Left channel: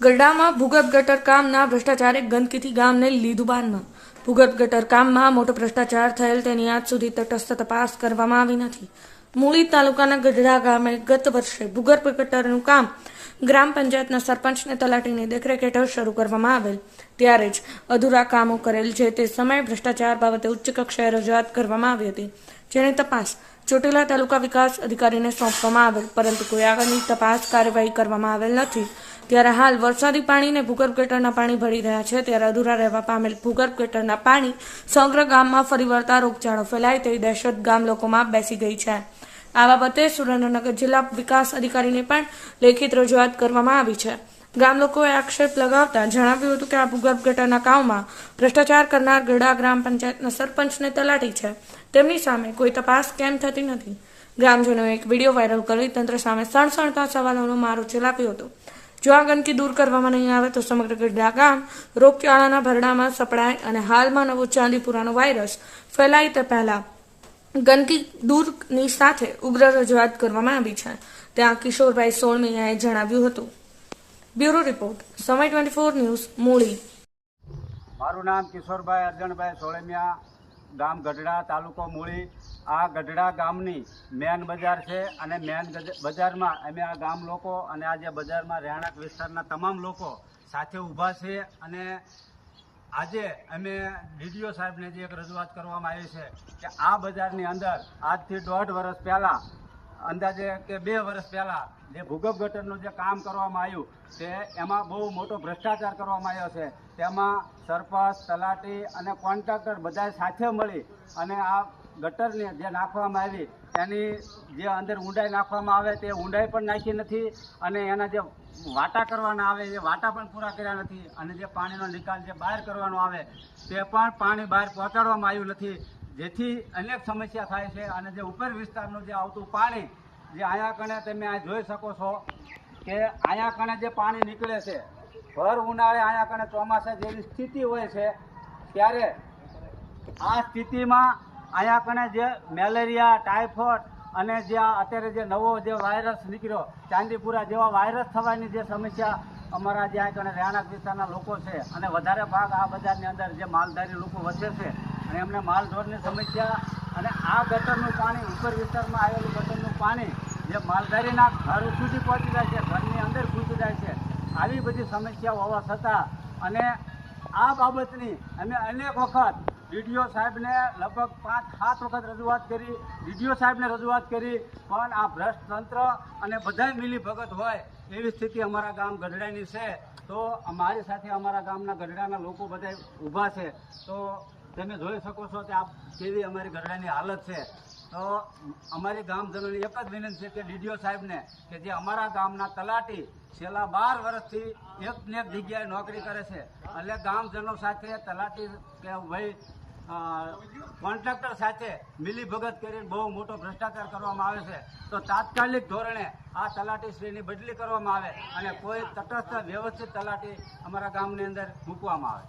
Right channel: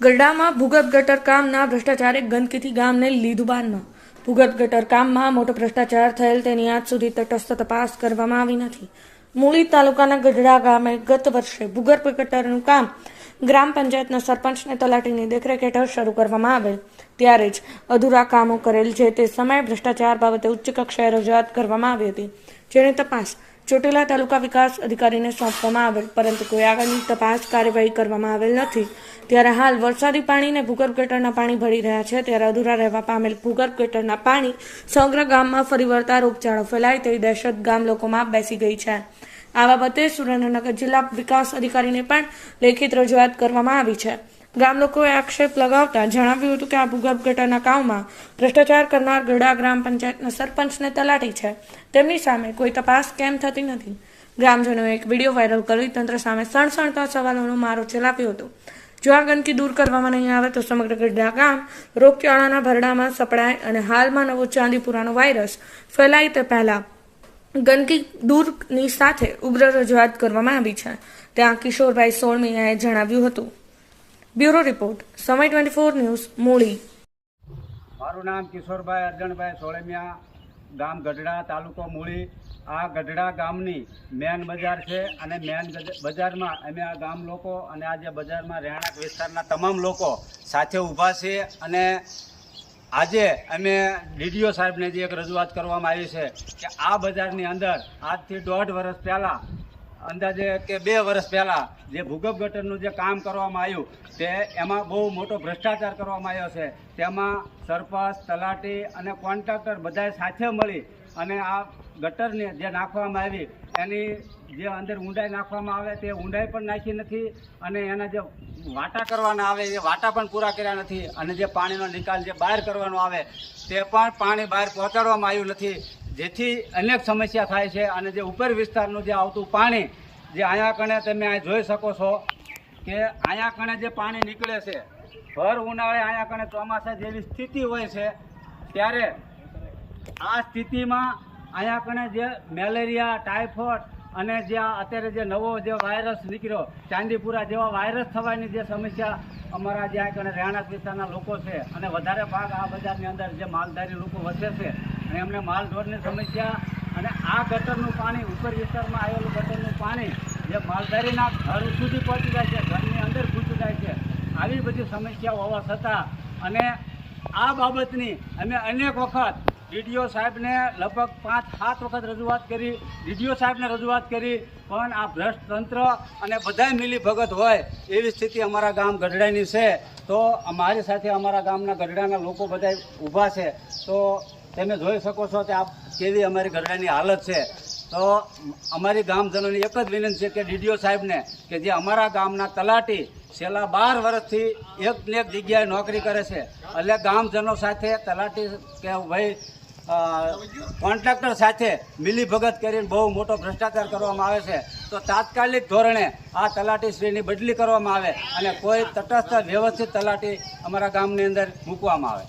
ગરડામાં ભૂગર્ભ ગટર કામના ભ્રષ્ટાચારે ગંદકીથી ગામને લીધું બાનમાં. ભૂગર્ભ ગટર કામમાં મોટો ભ્રષ્ટાચાર થયેલ તેની આજ સુધી તટસ્થ તપાસ કરવામાં આવી નથી. મૂળી તાલુકાના ગઢડા ગામે ગત વર્ષે ભૂગર્ભ ગટરનું કામ ગ્રામ પંચાયતના સરપંચને તલાટીની દેખરેખ હેઠળ શરૂ કરવામાં આવેલ, ત્યારે જ અધૂરા કામો કરેલ છે તે સમયે ભ્રષ્ટાચાર બાબતે ઉચ્ચ કક્ષાએ રજૂઆત કરવામાં આવી હતી, જેની તપાસ ચોટીલા તાલુકા વિકાસ અધિકારીને સોંપવામાં આવેલ, પરંતુ કોઈ આગળની તપાસ કાર્યવાહી કરવામાં આવેલ નથી. ત્યારે હાલ વરસાદી પાણીને ભૂગર્ભ ગટરના પાણી ભળી રહ્યા છે, ત્યારે અધૂરા રહેવા પામેલ ભૂગર્ભ ગટરના પાણી સમગ્ર ગામમાં ફરી વળતા રોગચાળો ફેલાય તેવી દહેશત ગામ લોકોમાં બેસી ગઈ છે. આ બાબતે સુરેન્દ્રનગર જિલ્લા વિકાસ અધિકારીને પણ લેખિત રજૂઆત કરવામાં આવી છે. ગામ લોકોએ આક્ષેપ લગાવતા જણાવ્યું હતું કે આ ભૂગર્ભ ગટરના કામમાં ભ્રષ્ટાચાર કરનાર ગઢડા ગ્રામ પંચાયતના સરપંચને તલાટી છે, તેમની સામે કોઈ તપાસ કેમ થતી નથી. ગ્રામજનોએ એક વિડીયો વાયરલ કરી તંત્ર સામે સણસણતા સવાલોનો મારો ચલાવ્યો હતો. જો આ ગંદકી દૂર કરવામાં નહીં આવે તો સમગ્ર ગઢડા ગામ રોગચાળાના ભરડામાં સપડાય અને હાલમાં નવો ચાંદીપુરાનો વાયરસ ફેલાય તે પહેલા ગંદકી દૂરની સાથે ઉગ્ર રજૂઆત કરવામાં આવી છે, ત્યાં કિશોરભાઈ સોળમિયાએ જણાવ્યું હતું. બ્યુરો રિપોર્ટ, સમય 24 ન્યૂઝ, મૂળી. મારું નામ કિશોરભાઈ અરજણભાઈ સોળમિયા, ગામ ગઢડા, તાલુકો મૂળી. આ ગઢડા ગામની મેન બજાર છે અને મેન બજારમાં અમે આ ગામ લોકો અને આ જે બજારમાં રહેણાંક વિસ્તારના તમામ લોકો સાથે ઊભા છે. અને આજે અમે ડીડીઓ સાહેબને જે એક રજૂઆત કરવામાં આવી છે કે આ બજારની અંદર આજથી 1.5 વર્ષ પહેલાં, અંદાજે કે 2 વર્ષ પહેલાં જે ભૂગર્ભ ગટરનું જે કામ કરવામાં આવ્યું તે એમાં બહુ મોટો ભ્રષ્ટાચાર કરવામાં આવ્યો છે. તેમાં સરપંચ, તલાટી અને કોન્ટ્રાક્ટર બધાએ સાથે મળી અને આ ગટરની જે નાખવામાં આવી એની જે અંદર ઊંડાઈ નાખવામાં આવે તે ઊંડાઈ પણ નાખી નથી અને એના જે વાટા કરવાના આવે એ વાટા પણ પૂરા કર્યા નથી અને જે પાણીનો નિકાલ જે બહાર કરવાનો આવે તે પણ પાણી બહાર પહોંચાડવામાં આવ્યું નથી, જેથી અનેક સમસ્યા થાય છે. અને જે ઉપર વિસ્તારનું જે આવતું પાણી જે અહીંયા કણે તમે આ જોઈ શકો છો કે અહીંયા કણે જે પાણી નીકળે છે, ભર ઉનાળે અહીંયા કણે ચોમાસા જેવી સ્થિતિ હોય છે, ત્યારે આ સ્થિતિમાં અહીંયા કણે જે મેલેરિયા, ટાઇફોઇડ અને જે અત્યારે જે નવો જે વાયરસ નીકળ્યો ચાંદીપુરા જેવા વાયરસ થવાની જે સમસ્યા અમારા જે આ કણે રહેણાંક વિસ્તારના લોકો છે અને વધારે ભાગ આ બજારની અંદર જે માલધારી લોકો વસે છે અને એમને માલઢોરની સમસ્યા અને આ ગટરનું પાણી ઉપર વિસ્તારમાં આવેલું ગટરનું પાણી જે માલધારીના ઘર સુધી પહોંચી જાય છે, ઘરની અંદર ઘૂસી જાય છે, આવી બધી સમસ્યાઓ હોવા છતાં અને આ બાબતની અમે અનેક વખત ડીડીઓ સાહેબને લગભગ 5-7 વખત રજૂઆત કરી, ડીડીઓ સાહેબને રજૂઆત કરી, પણ આ ભ્રષ્ટ તંત્ર અને બધાય મિલી ભગત હોય એવી સ્થિતિ અમારા ગામ ગઢડાની છે. તો અમારી સાથે અમારા ગામના ગઢડાના લોકો બધા ઊભા છે. તો તમે જોઈ શકો છો કે આ કેવી અમારી ગઢડાની હાલત છે. તો અમારી ગામજનોની એક જ વિનંતી છે કે ડીડીઓ સાહેબને કે જે અમારા ગામના તલાટી છેલ્લા 12 વર્ષથી એકને એક જગ્યાએ નોકરી કરે છે, એટલે ગામજનો સાથે તલાટી કે ભાઈ કોન્ટ્રાક્ટર સાથે મિલીભગત કરીને બહુ મોટો ભ્રષ્ટાચાર કરવામાં આવે છે. તો તાત્કાલિક ધોરણે આ તલાટીશ્રીની બદલી કરવામાં આવે અને કોઈ તટસ્થ વ્યવસ્થિત તલાટી અમારા ગામની અંદર મૂકવામાં આવે.